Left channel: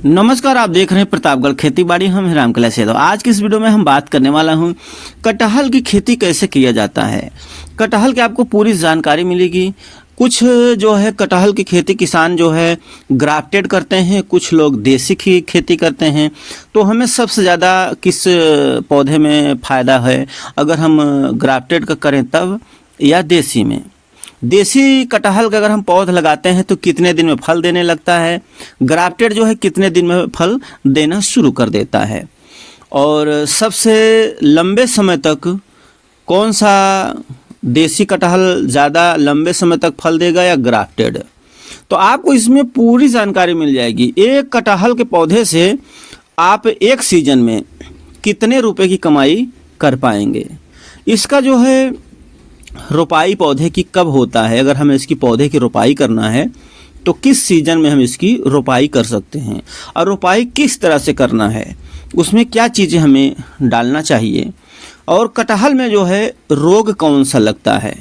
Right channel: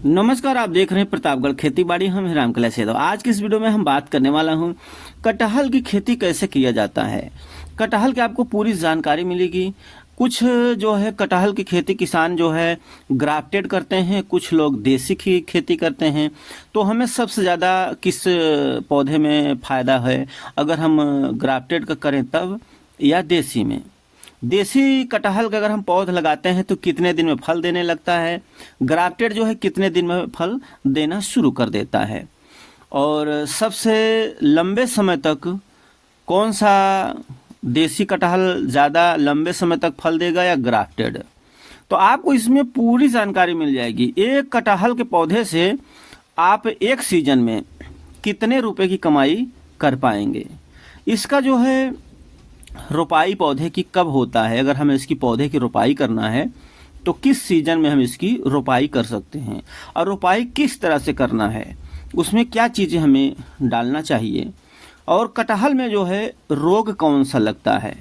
नमस्कार, आप देख रहे हैं प्रतापगढ़ खेती बाड़ी। हम हैं रामकला यादव। आज की इस वीडियो में हम बात करने वाला हूं कटहल की खेती कैसे किया जाता है। कटहल की आपको पूरी जानकारी मिलेगी। कुछ जो है कटहल की खेती किसान जो है ग्राफ्टेड करते हैं, कुछ लोग देसी की खेती करते हैं। तो हमें सबसे ज़्यादा किस पौधे में फ़ायदा है, अगर हम ग्राफ्टेड का करें तब या देसी में। देसी कटहल का अगर हम पौध लगाते हैं तो कितने दिन में फल देने लगता है, ग्राफ्टेड जो है कितने दिन में फल देना शुरू कर देता है, और सबसे लंबे समय तक कौन सा देसी कटहल ज़्यादा लंबे समय तक फल देगा या ग्राफ्टेड। तो आपको इसमें पूरी जानकारी मिल जाएगी। एक कटहल के पौधे से आप एक सीजन में कितने रुपए की कमाई कर पाएंगे। इसका जो है रोपाई पौधे की कब होता है, अगर हमें इसकी पौधे की रोपाई करना है तो किस सीजन में हम इसकी रोपाई कर सकते हैं, और रोपाई किस तरह से करना है, उसमें क्या चीज़ें हमें डालना चाहिए, और कटहल में जो है रोग कौन सा लगता है,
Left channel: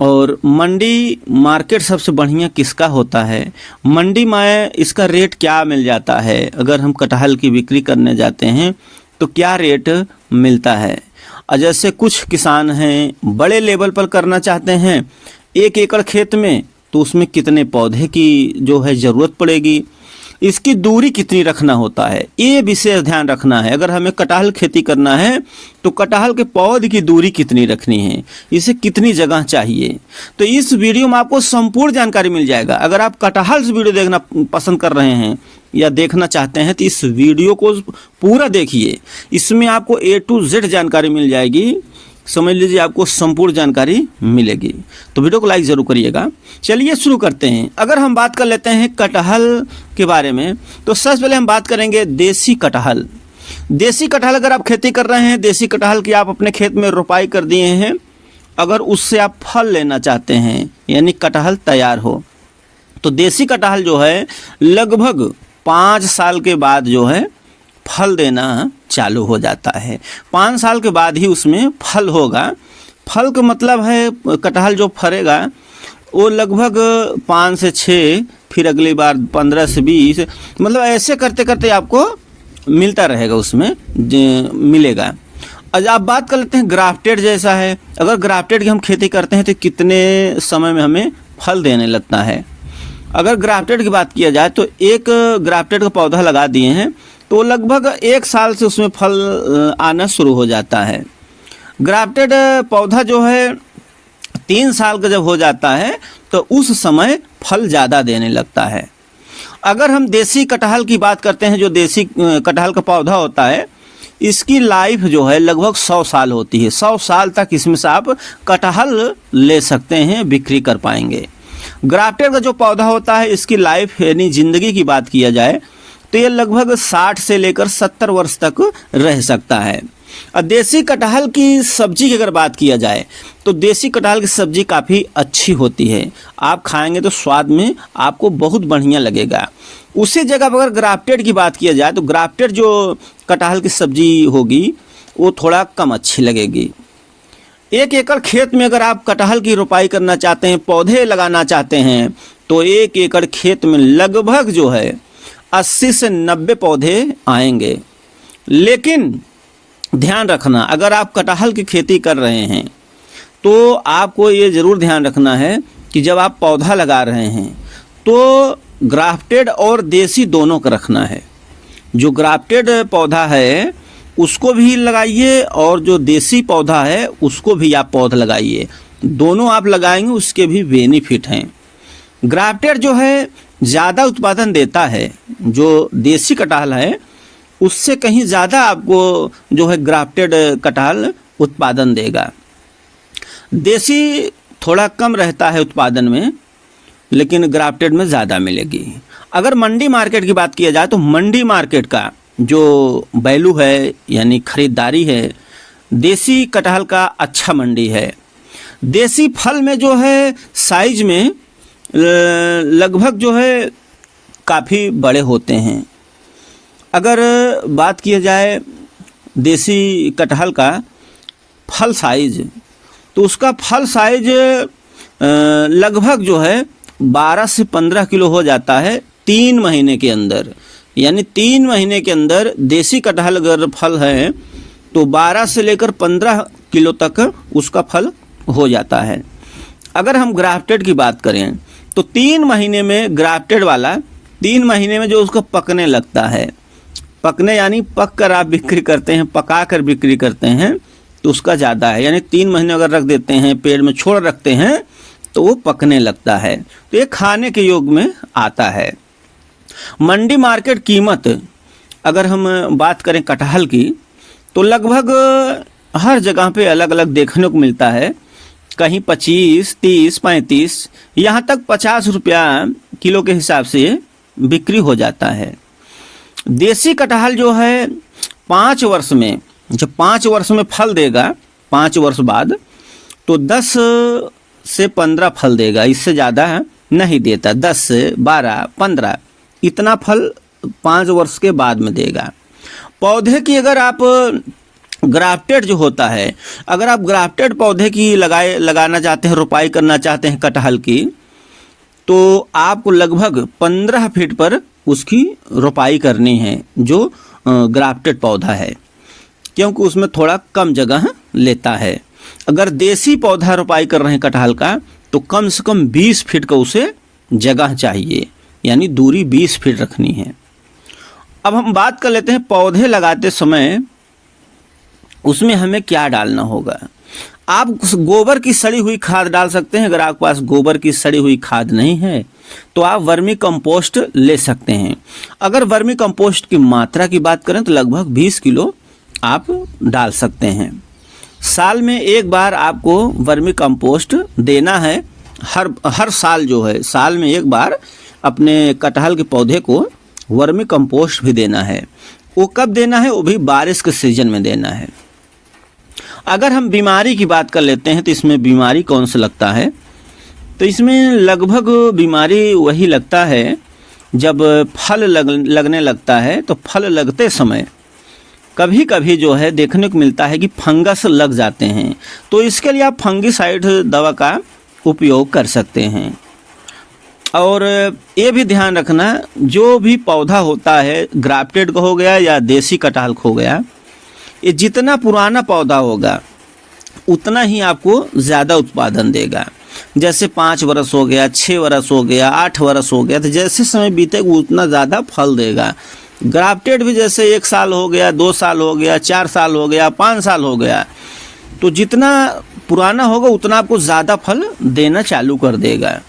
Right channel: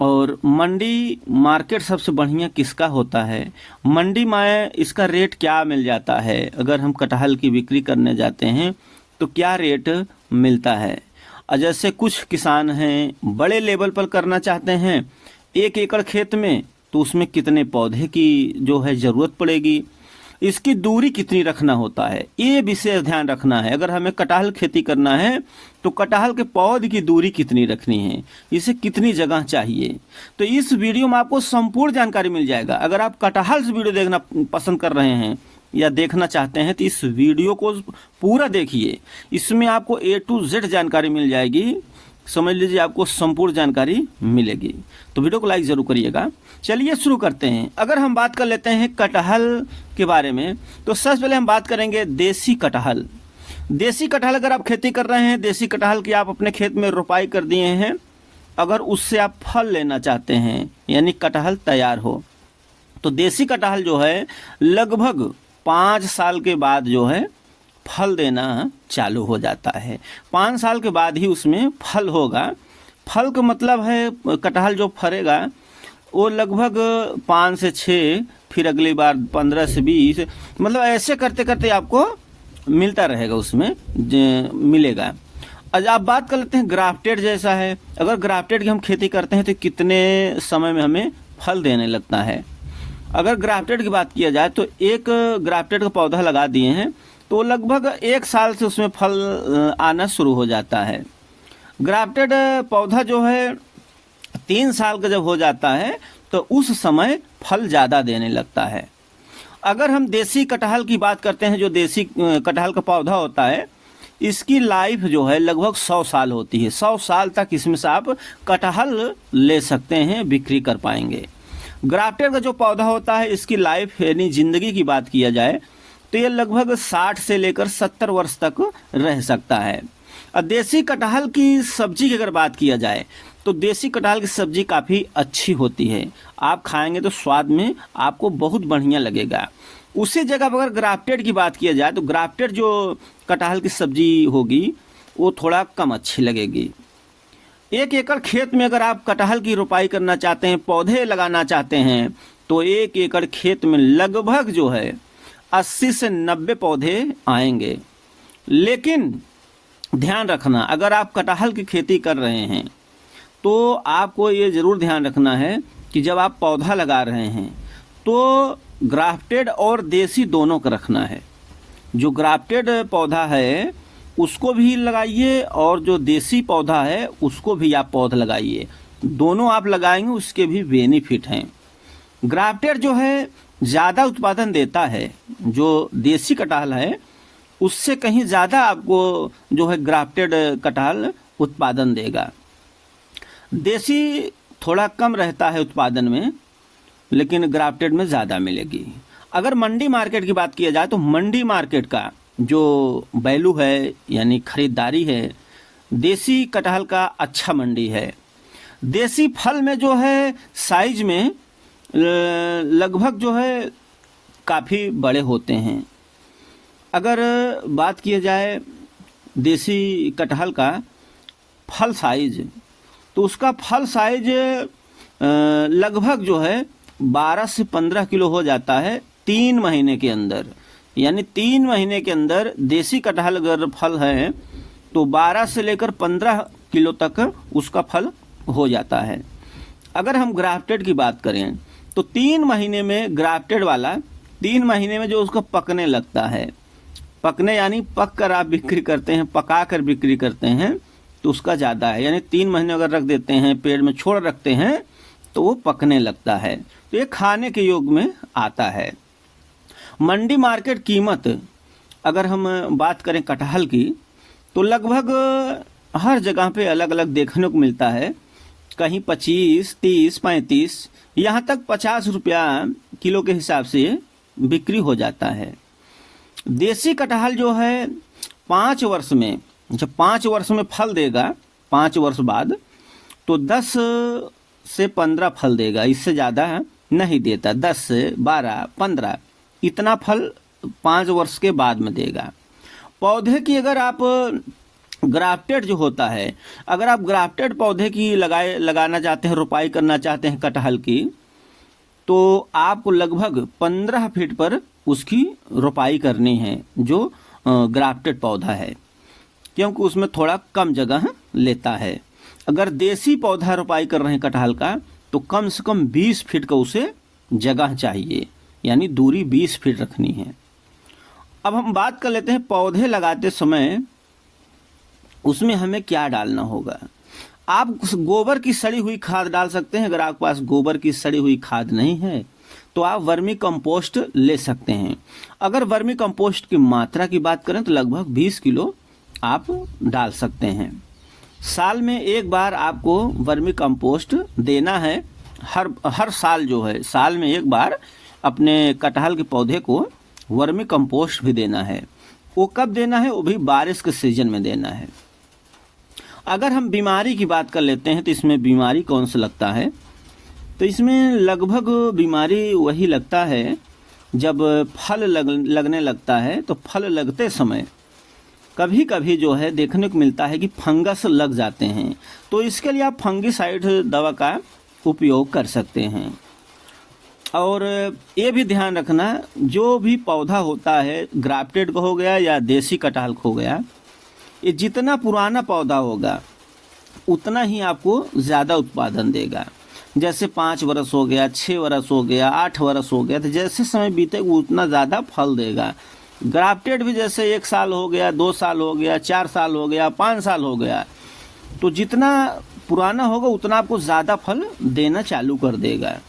और मंडी मार्केट सबसे बढ़िया किसका होता है, मंडी में इसका रेट क्या मिल जाता है, अगर हम कटहल की बिक्री करने जाते हैं तो क्या रेट मिलता है। और जैसे कुछ किसान हैं बड़े लेवल पर करना चाहते हैं 1 एकड़ खेत में, तो उसमें कितने पौधे की जो है ज़रूरत पड़ेगी, इसकी दूरी कितनी रखना होता है, ये विशेष ध्यान रखना है। अगर हमें कटहल खेती करना है तो कटहल के पौध की दूरी कितनी रखनी है, इसे कितनी जगह चाहिए। तो इस वीडियो में आपको संपूर्ण जानकारी मिल जाएगा। अगर आप कटहल से वीडियो देखना पसंद कर रहे हैं या देखना चाहते हैं तो इस वीडियो को पूरा देखिए। इसमें आपको A to Z जानकारी मिल जाएगी। समझ लीजिए आपको संपूर्ण जानकारी मिलेगी। तो वीडियो को लाइक ज़रूर करिएगा। चलिए शुरू करते हैं। अगर हम बात कर लेते हैं कटहल के बारे में, तो सबसे पहले हम बात करेंगे देसी कटहल। देसी कटहल अगर आप खेती कर रहे हैं, देसी कटहल की आप अपने खेत में रोपाई कर दिए हैं, अगर उससे आप फल लेना चाहते हैं यानी कटहल तैयार हो, तो देसी कटहल जो है लगभग 5 साल के बाद जो है फल देना चालू हो जाता है। 5 साल के बाद ही उसमें फल होगा। फल का मतलब है कटहल जो फरेगा वो लगभग 5 से 6, फिर अगली बार 15 से 20, मतलब ऐसे करते करते आपको मिलता रहेगा, उसमें मिलेगा। आज आप बात कर लेते हैं ग्राफ्टेड जैसा है। अगर ग्राफ्टेड की हम खेती करते हैं तो कितने समय में हमें फल देने लगता है। अगर ग्राफ्टेड की बात किया जाए तो एक ग्राफ्टेड का पौधा लगा दिए हैं तो लगभग 1 साल से उसमें फल आना शुरू हो जाता है। ग्राफ्टेड पौधा जो है 3 साल का जब हो जाता है तो उस समय फल ज़्यादा देने लगता है। अगर हम देसी कटहल की बात करते हैं, जो देसी कटहल का पौधा होता है, इसकी लाइफ जो है लगभग 100 साल होती है। 100 साल तक इसमें से आप कटहल ले सकते हैं, बिक्री कर पाएंगे। ग्राफ्टेड का जो पौधा होता है, इसकी लाइफ यानी ज़िंदगी की बात किया जाए तो ये लगभग 60 से लेकर 70 वर्ष तक रह सकता है। और देसी कटहल की सब्जी की अगर बात किया जाए तो देसी कटहल की सब्जी काफ़ी अच्छी होती है। आप खाएंगे तो स्वाद में आपको बहुत बढ़िया लगेगा। उसी जगह पर अगर ग्राफ्टेड की बात किया जाए तो ग्राफ्टेड जो कटहल की सब्जी होगी वो थोड़ा कम अच्छी लगेगी। 1 एकड़ खेत में अगर आप कटहल की रोपाई करना चाहते हैं, पौधे लगाना चाहते हैं, तो 1 एकड़ खेत में लगभग जो है 80 से 90 पौधे आएंगे। लेकिन ध्यान रखना, अगर आप कटहल की खेती कर रहे हैं तो आपको ये ज़रूर ध्यान रखना है कि जब आप पौधा लगा रहे हैं तो ग्राफ्टेड और देसी दोनों का रखना है। जो ग्राफ्टेड पौधा है उसको भी लगाइए, और जो देसी पौधा है उसको भी आप पौधा लगाइए। दोनों आप लगाएंगे उसके भी बेनिफिट हैं। ग्राफ्टेड जो है ज़्यादा उत्पादन देता है, जो देसी कटहल है उससे कहीं ज़्यादा आपको जो है ग्राफ्टेड कटहल उत्पादन देगा। देसी थोड़ा कम रहता है उत्पादन में, लेकिन ग्राफ्टेड में ज़्यादा मिलेगी। अगर मंडी मार्केट की बात किया जाए तो मंडी मार्केट का जो वैल्यू है यानी ख़रीदारी है, देसी कटहल का अच्छा मंडी है। देसी फल में जो है साइज में लगभग जो है काफ़ी बड़े होते हैं। अगर बात किया जाए देसी कटहल का फल साइज, तो उसका फल साइज लगभग जो है 12 से 15 किलो हो जाता है 3 महीने के अंदर। यानी 3 महीने के अंदर देसी कटहल अगर फल है तो 12 से लेकर 15 किलो तक उसका फल हो जाता है। अगर हम ग्राफ्टेड की बात करें तो 3 महीने में ग्राफ्टेड वाला 3 महीने में जो उसको पकने लगता है, पकने यानी पक कर आप बिक्री करते हैं, पका कर बिक्री करते हैं तो उसका ज़्यादा है। यानी 3 महीने अगर रख देते हैं, पेड़ में छोड़ रखते हैं तो वो पकने लगता है, तो ये खाने के योग में आता है। मंडी मार्केट कीमत अगर हम बात करें कटहल की तो लगभग हर जगह पे अलग अलग देखने को मिलता है। कहीं 25, 30, 35 यहाँ तक 50 रुपया किलो के हिसाब से बिक्री हो जाता है। देसी कटहल जो है 5 वर्ष में, जब 5 वर्ष में फल देगा, 5 वर्ष बाद तो 10 से 15 फल देगा, इससे ज़्यादा नहीं देता। 10 से 12, 15 इतना फल 5 वर्ष के बाद में देगा। पौधे की अगर आप ग्राफ्टेड जो होता है, अगर आप ग्राफ्टेड पौधे की लगाना चाहते हैं, रोपाई करना चाहते हैं कटहल की, तो आपको लगभग 15 फीट पर उसकी रोपाई करनी है जो ग्राफ्टेड पौधा है, क्योंकि उसमें थोड़ा कम जगह लेता है। अगर देसी पौधा रोपाई कर रहे हैं कटहल का तो कम से कम 20 फीट का उसे जगह चाहिए, यानी दूरी 20 फीट रखनी है। अब हम बात कर लेते हैं पौधे लगाते समय उसमें हमें क्या डालना होगा। आप गोबर की सड़ी हुई खाद डाल सकते हैं। अगर आपके पास गोबर की सड़ी हुई खाद नहीं है तो आप वर्मी कंपोस्ट ले सकते हैं। अगर वर्मी कंपोस्ट की मात्रा की बात करें तो लगभग 20 किलो आप डाल सकते हैं। साल में एक बार आपको वर्मी कंपोस्ट देना है। हर साल जो है, साल में एक बार अपने कटहल के पौधे को वर्मी कंपोस्ट भी देना है। वो कब देना है? वो भी बारिश के सीजन में देना है। अगर हम बीमारी की बात कर लेते हैं तो इसमें बीमारी कौन सा लगता है, तो इसमें लगभग बीमारी वही लगता है जब फल लगने लगता है। तो फल लगते समय कभी कभी जो है देखने को मिलता है कि फंगस लग जाते हैं, तो इसके लिए आप फंगिसाइड दवा का उपयोग कर सकते हैं। और ये भी ध्यान रखना, जो भी पौधा होता है, ग्राफ्टेड का हो गया या देसी कटहल हो गया, ये जितना पुराना पौधा होगा उतना ही आपको ज़्यादा उत्पादन देगा। जैसे 5 वर्ष हो गया, 6 वर्ष हो गया, 8 वर्ष हो गया, तो जैसे समय बीतेगा उतना ज़्यादा फल देगा। ग्राफ्टेड भी जैसे 1 साल हो गया, 2 साल हो गया, 4 साल हो गया, 5 साल हो गया, तो जितना पुराना होगा उतना आपको ज़्यादा फल देना चालू कर देगा।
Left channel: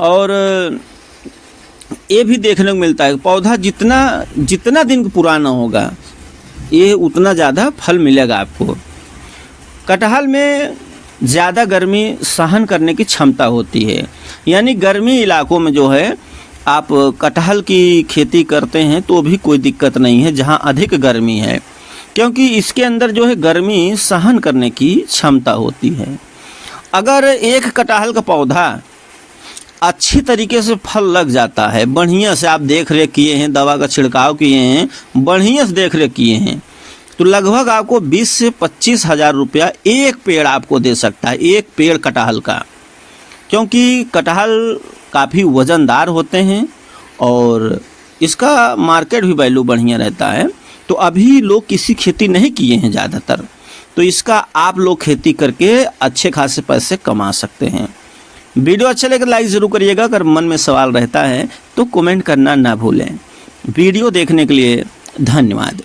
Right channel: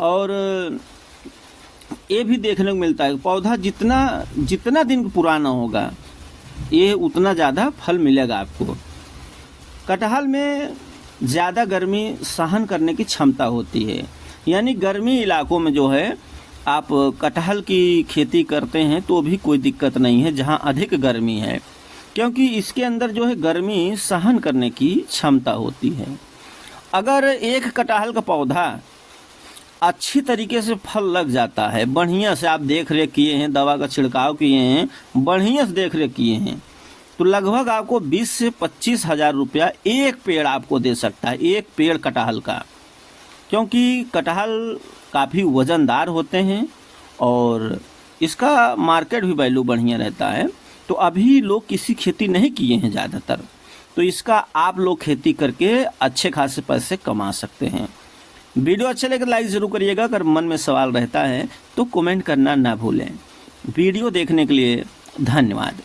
और ये भी देखने को मिलता है पौधा जितना दिन पुराना होगा ये उतना ज़्यादा फल मिलेगा आपको। कटहल में ज़्यादा गर्मी सहन करने की क्षमता होती है, यानी गर्मी इलाकों में जो है आप कटहल की खेती करते हैं तो भी कोई दिक्कत नहीं है जहाँ अधिक गर्मी है, क्योंकि इसके अंदर जो है गर्मी सहन करने की क्षमता होती है। अगर एक कटहल का पौधा अच्छी तरीके से फल लग जाता है, बढ़िया से आप देख रेख किए हैं, दवा का छिड़काव किए हैं, बढ़िया से देख रेख किए हैं, तो लगभग आपको 20 से 25 हज़ार रुपया एक पेड़ आपको दे सकता है, एक पेड़ कटहल का। क्योंकि कटहल काफ़ी वज़नदार होते हैं और इसका मार्केट भी वैल्यू बढ़िया रहता है। तो अभी लोग किसी खेती नहीं किए हैं ज़्यादातर, तो इसका आप लोग खेती करके अच्छे खासे पैसे कमा सकते हैं। वीडियो अच्छा लगे लाइक ज़रूर करिएगा। अगर मन में सवाल रहता है तो कमेंट करना ना भूलें। वीडियो देखने के लिए धन्यवाद।